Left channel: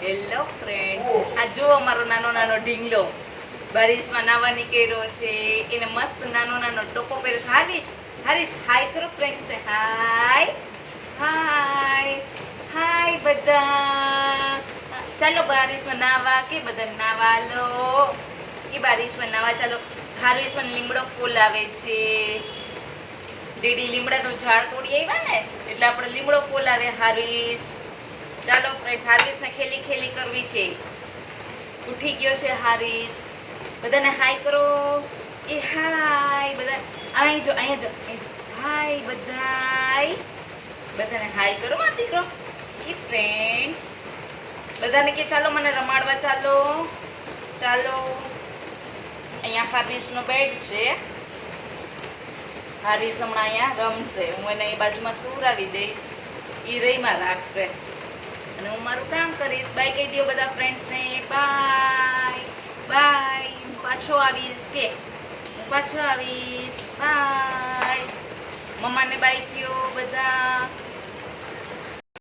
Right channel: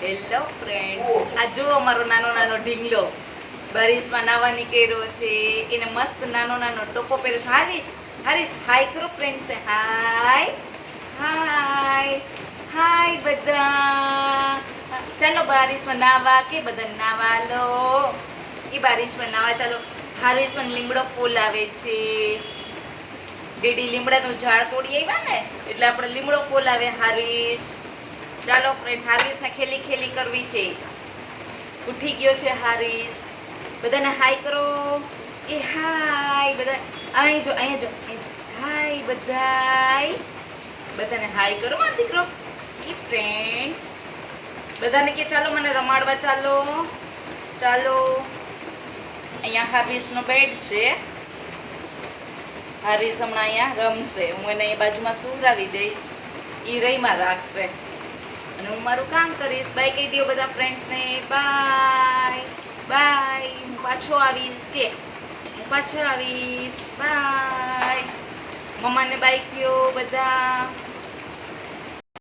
Hello friends, આ જો અમારો નાનો નાનો ઢીંગલો બારિશમાં નાવા નીકળ્યો છે. એને મસ્ત નાનો નાનો ટોપો પહેર્યો છે. હારીશ, હારીશ હાય કરો ફ્રેન્ડ્સ ને. હાય હાય હાય બધા. ચાલો બારિશમાં નાવા કે બધા નાવા લો કે બારિશમાં નાવા ચાલો. હારીશ મને લીમડો ફૂલ આવે છે. ડેડી લીમડાનું ઝાડ તોડી આવ્યા ને એટલે આપણે લીમડો ફૂલ આવે. હારીશ ચાલો ફ્રેન્ડ, હારીશને ખેલી ખેલી કરવી છે. ઉઠી ગયો છે હારીશ. બધાને હાય કરો. એ હાય બધા. અહીં જો, અહીંયા જો, હાય બધાય. બધાને હાય કરો મારો દીકરો. એ ફ્રેન્ડ્સ બધાને કે ચાલો મને રમાડવા ચાલો. ચાલો અહીંયા હારીશનો બેડ છે. હારીશ હમણાં અહીંયા રમશે. હું એને એ બાજુમાં સુવડાવી દઈશ. એ રહીમાં રાખશે અને હું મારું કામ કરીશ. બાય કહી દો બધા ફ્રેન્ડ્સને. Bye bye. હું પાછો આવીશ કે હું પાછો આવીશ. બાય. મમ્માને બાય કયો બધા.